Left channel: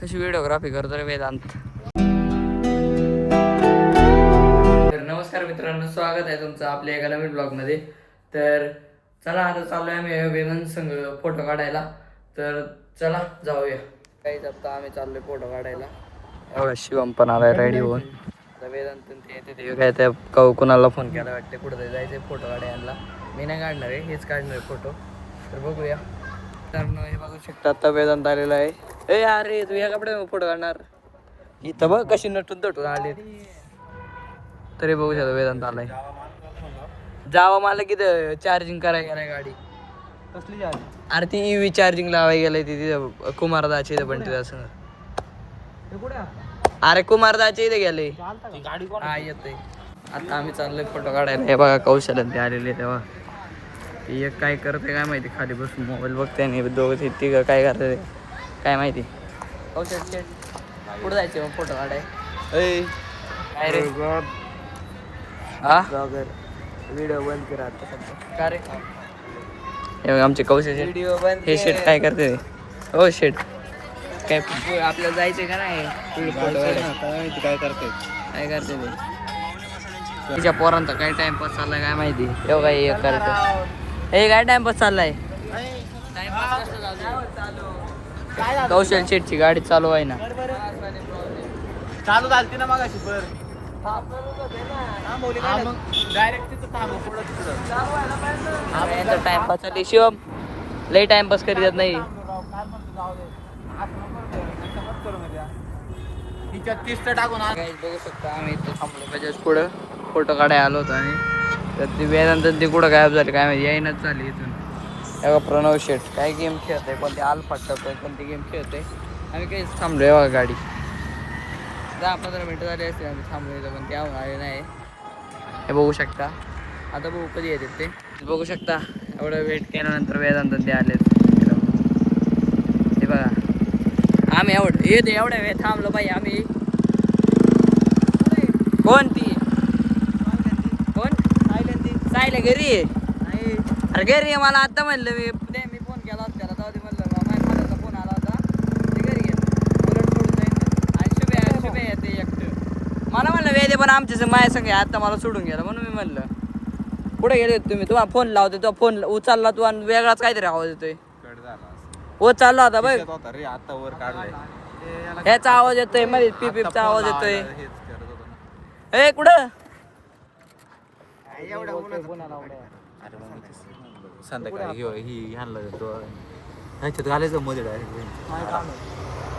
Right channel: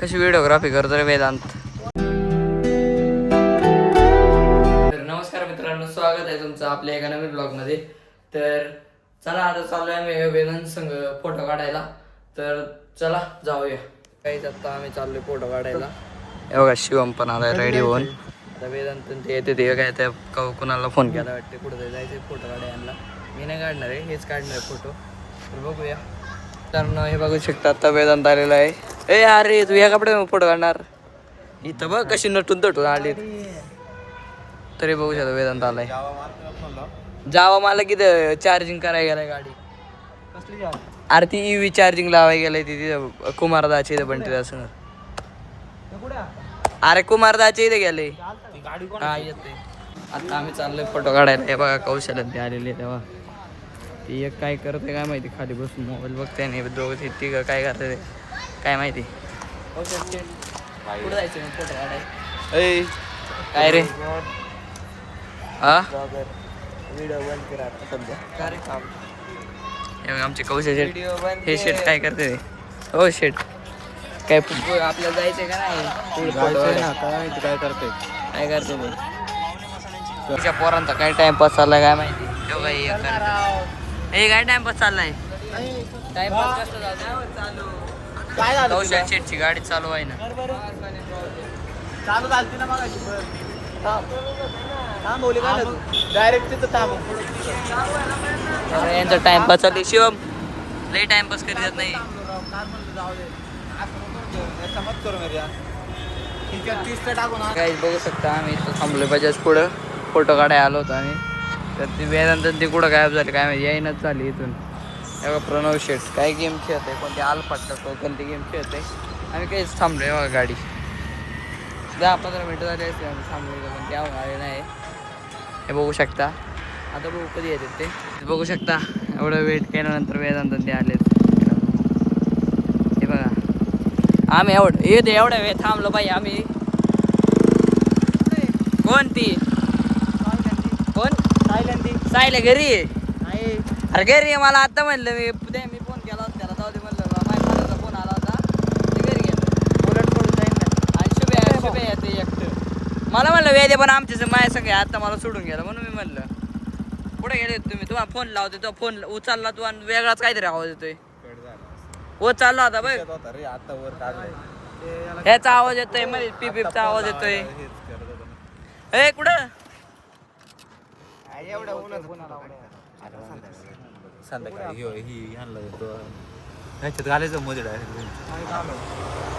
कशी व्हिडिओग्राफी करतो रे वेदांत. तर नमस्कार मित्रांनो, स्वागत आहे तुमचं आपल्या एका नवीन ब्लॉगमध्ये. तर चला आता चालू आहे आम्ही वेदांत संघ फोटो काढायला. तर चला जाऊया. काहीच आता आम्ही चाललोय फोटो काढायला. हे बघा शिवम पण आलाय रेडी होऊन. आता वेदांत ते येते ते काय त्या कुणाला फोन केला वाटते, कुठं जायचं फोटो काढायला. मी नाही काढणार आहे, हेच काढणार आहे फोटो. तर बघूया. तर हे बघू शकता आता वेदांत आलेला आहे. ए अरे तू या कपडे फोटो काढणार इथं बघ कशी नटून तटून आली. तरी बघू शकता वेदांत आलाय. जावा मला किती चार्जिंग करायला गेलाय गाडी. अरे ती EV चार्जिंग लावायला गेलाय तिथे कुमारदाच्या इथे पण तिथे असं. अरे कुमारदाच्या इथे गेले काय येते. आता आम्ही चाललोय फोटो काढायला. हे बघा कौशल्य ते आलेले तेव्हा ती एक काय करते काय माहिती, खाली बसून मोबाईल बघते नाही. दोघं तिघं काय करते काय माहिती. कौशल्य कुठं जायचं मग फोटो काढाय. काय रे हा व्हिडिओ बंद करा सध्या. का रे हे बघा आमचे कौशल शेट. हे शेट काय करते हो शेट काय आपल्याला जायचंय का नाही फोटो काढाय. काय करते ते तिच्या पोरांचा काय टाइमपास चाललाय काय माहिती. तेव्हा काय एक करत हे काय टाइमपास चाललाय. टाइमपास कसं चालू कौशल शेटची गाडी चालू आहे ना. यांचा टाइमपास चालू. शिवम लय टाइमपास करीत नाही. काही बघू शकता आम्ही इथं थांबलो बजाज पुढं फोटो काढायला आलो होतो. आणि तर ती वेदांत ती कुठं गायब झाली काय माहिती, येईनच झाली इथून. तेव्हा प्रणव शेट काय गेम खेळत आहे, कोणती आलफाट टाकतोय कोणती गेम खेळत आहे. आम्ही काहीच थांबलो आहे बघा. गाडी 10-15 मिनटं झाली असते आम्ही थांबलो इथं, पण त्या आले नाही. हे बघू शकता. आता बघू कधी येतात ते बघू शकता. एवढं वेट केल्यानंतर वेदांत ते आलेत. हे बघा आम्ही एवढ्या वेळ थांबलो पाहिजे आम्ही. कोणती कोण सायले घरी अरे घरी मला आता म्हणलं. मी फोन केला होता त्याला जाऊ दे म्हणलं. माझ्या फादरचा फोन आला होता ते घरी गेला. आणि शुभे ते एकटं मला म्हणलं वेदे पण आमच्या माझ्या संग आता मला सोडून गेला. म्हणून मी म्हणलं कुठे गेले तुम्ही. तुम्हाला फोन लावते तो फोन उचलला तू आणि वेगळाच काहीतरी आवाज येतोय. हो चालला होता बघ. ह्याचा आवाज येतोय मध्ये पिपचा आवाज येतोय. ए कुठं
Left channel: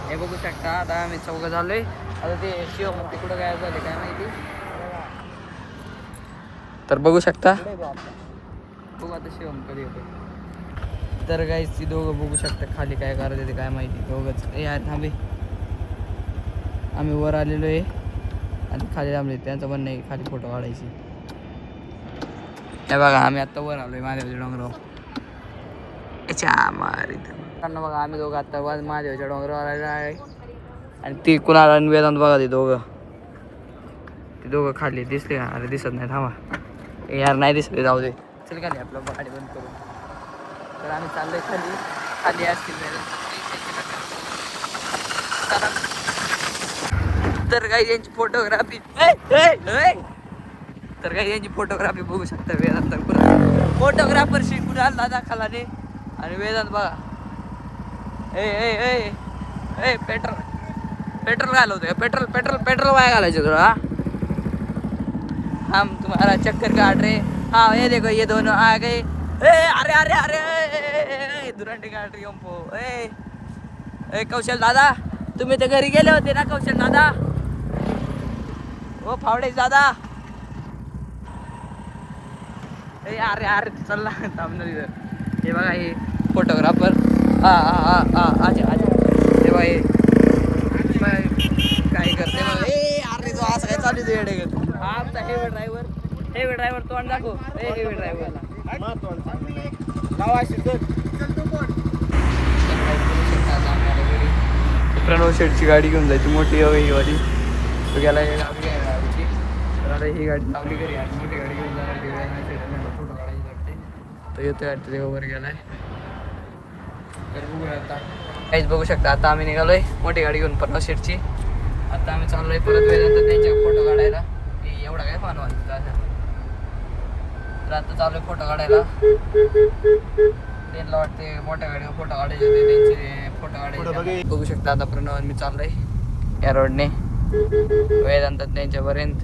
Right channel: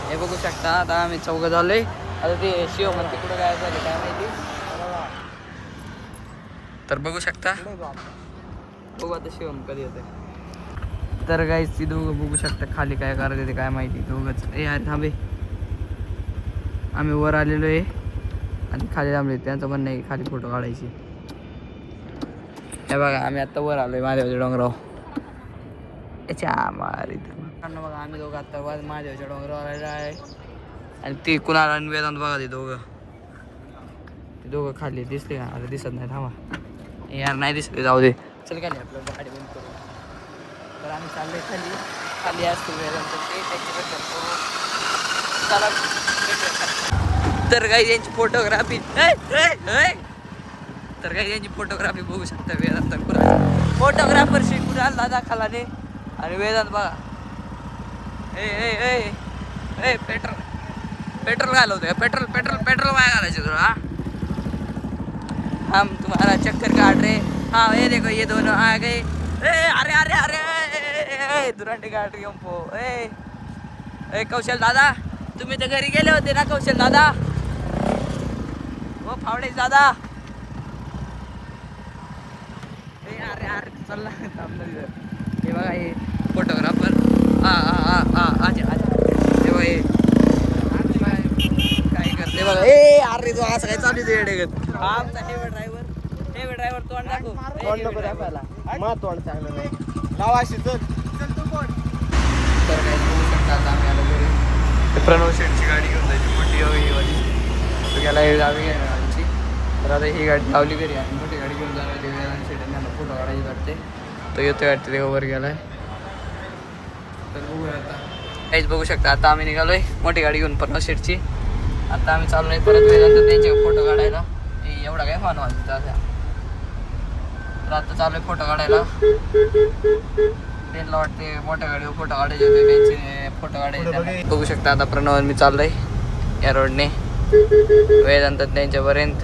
हे बघू शकता. आता आम्ही चौघ झालोय. आता ते शिव म्हणते कुठं काय झालं काय माहिती. तर बघू शकता. बघू आता शिवम कधी येते. तर गाईस ती दोघं बघू शकता खाली काय करत ते काय माहिती. दोघंच ए यार थांबे. आम्ही वर आलेलो आहे आणि खाली थांबले. त्यांचं म्हणणं आहे खाली फोटो काढायची. हे बघा आम्ही आत्ता वर आलोय महादेवाच्या डोंगरावर. बघा आम्ही दोघं आत्ता महादेवाच्या डोंगरावर आलेलो आहे. आणि ती कुणाला वेदांत बघा ते दोघं खाली दिसले का. अरे दिसत नाही थांबा यार नाही दिसले जाऊ दे. चल खाली आपलं गाडी बंद करून. तर आम्ही चाललोय खाली असतील वेदांत ते चला. तर काही यांची फोटोग्राफी फोटोग्राफी बघू शकता. वेदांत फोटोग्राफर शिकून आला दाखला ने. आणि वेदांत बघा ए पेट्रोल घालवतोय. पेट्रोल वाया घालायचं तुला. हम तुम्हारा चक्कर काट रे. हाँ ये देखो ये दोनों आ गए. अरे दुरांडी काट रही हमको. ए कौशल दादा तुम्ही तर घरी गेले होते ना कौशल दादा. हो फावडे दादा. अरे चला थांबणार इथं. हे बघा हे फोटोग्राफर. हे बघा हे काय करते बघा. अरे तो असं काय चालू आहे. आमचा हेवी ड्रायव्हर तोंड दाखव. हेवी ड्रायव्हरला तर काही बोलू शकता. आता आम्ही आलो घरी. प्रणव शेटची गाडी घेऊन जायची मोठी ही वाली. तो गेला ही गावी घ्यायला गाडीची. तर आता ही गाडी लावली घरी आणि मोठी गाडी घेऊन जाणार ते शेटांना फोटो काढायची वाटते. तो येतोय वाटते ते वर गेलाय. तर बघूया आता काहीच बघू शकता. आता आम्ही निघालोय मोठी गाडी घेऊन प्रणव शेटची. आता आम्ही चाललोय परत वेदांत त्यांचे फोटो काढायला. एवढा काय फान वाजता तर आता चाललोय फोटो काढायला. त्यांना वाटते मोठ्या गाडीवर फोटो काढायचे होते, त्यांचे फोटो काढायचे. बघू शकता आता प्रणव मी चाललोय या रोडने वेदांत त्यांच्यापर्यंत.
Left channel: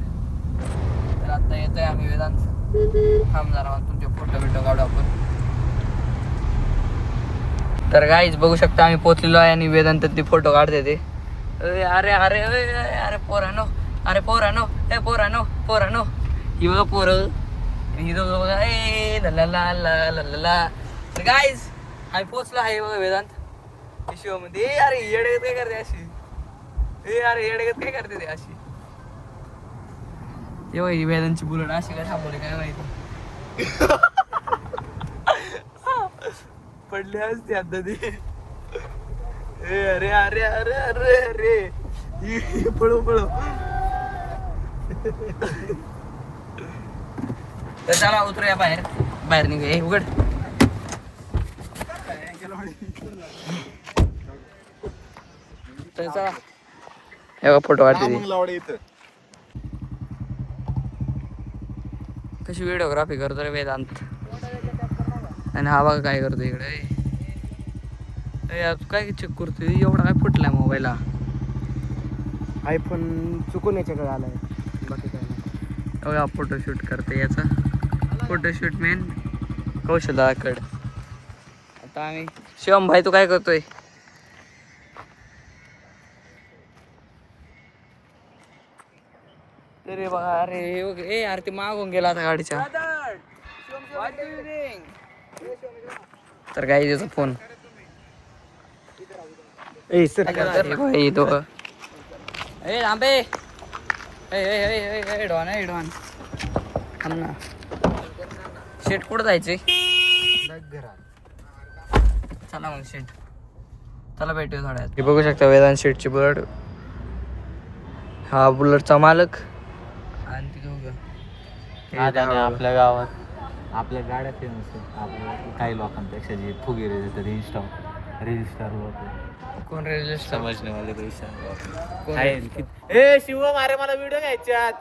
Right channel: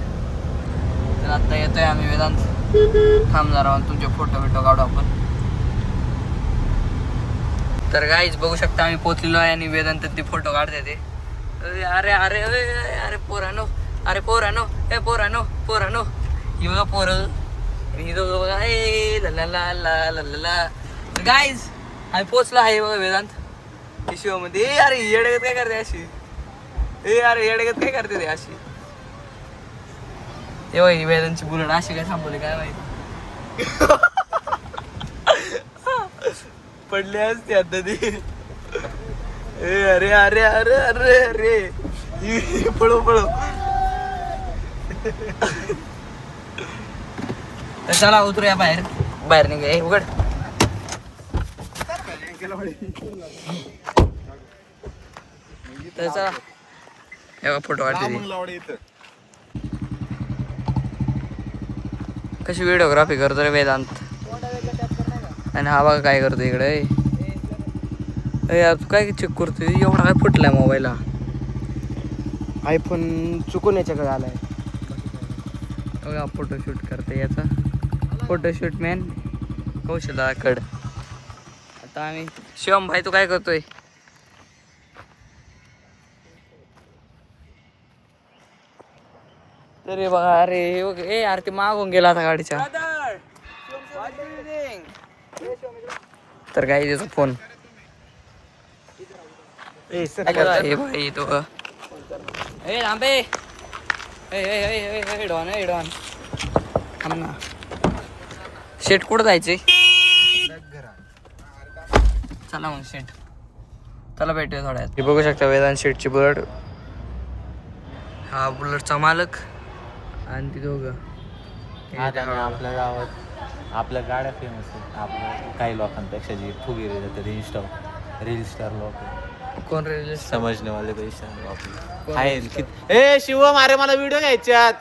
तर आता येतोय आम्ही वेदांत. थांबणार आहोत तुमचे फोटो बिटो काढू आपण. तर गाईज बघू शकता आम्ही पोचलेलो आहे आणि वेदांत ते फोटो काढते ते. अरे अरे अरे पोरानो, अरे पोरानो, ए पोरानो पोरानो, ही बघा पोरं, ही बघा ए ला ला ला ला ला ला. तर गाईज आम्ही पोचलो आहे बघा वेदांत शिवामध्ये. अरे येडगत काय करते अशी, अरे येडगत काय करते ते अशी. तेव्हा ही वेदांची बुलेट अशी काय थांबवली काय माहिती. पडले असते आता ती. अरे अरे अरे अरे अरे पळो पळो. तर चला उतरूया बाहेर. बाहेर निघूया. उघड. तर चला हे फोटो काढते. कशी व्हिडिओग्राफी करतो रे वेदांत. आणि हा बघा काय करतो इकडे. यार तू काय चेक करतोय. एवढा काय फुटलाय मोबाईलला. आयफोन चुकून याच्याकडे आलाय. बघा फोटोशूट करते याचा. फोटोशूट मॅन कौशलाकड. आता आम्ही शिवम भाई तू काय करतोय. अरे बघा अरे ए यार ते मागून गेला आता गाडीच्या. तर काय त्याचा फोन भाई तो ए लांबे डॉन आहे डॉन. शेट कुठं जायचंय. चला मग शेट चला भेटूया थोड्यात. हे बघू शकता वेदांत शेटची बुलेट. हा बुलेटचा मालक आणि ती दोघं. आपल्या गावात आपल्या गाड्या फेमस आहेत. आपल्या काही लोकांपेक्षा जे फुगेरे जातात इंस्टा रील स्टार लोक. कोण रे समजणे वाले पैसे. ए शिवम अरे मला व्हिडिओ घ्यायच्यात.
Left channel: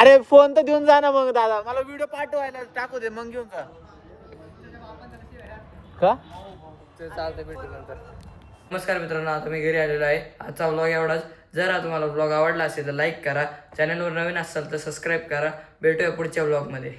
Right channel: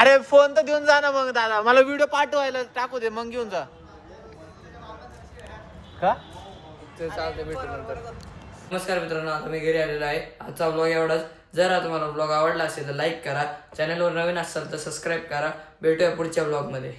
अरे फोन तर देऊन जा ना मग दादा. मला व्हिडिओ पाठवायला टाकू दे मग घेऊन जा. का ते चालते भेटू नंतर. नमस्कार मित्रांनो, आता मी घरी आलेलो आहे. आजचा ब्लॉग एवढाच. जर तुम्हाला ब्लॉग आवडला असेल तर लाईक करा. चॅनलवर नवीन असाल तर सबस्क्राईब करा. भेटूया पुढच्या ब्लॉगमध्ये.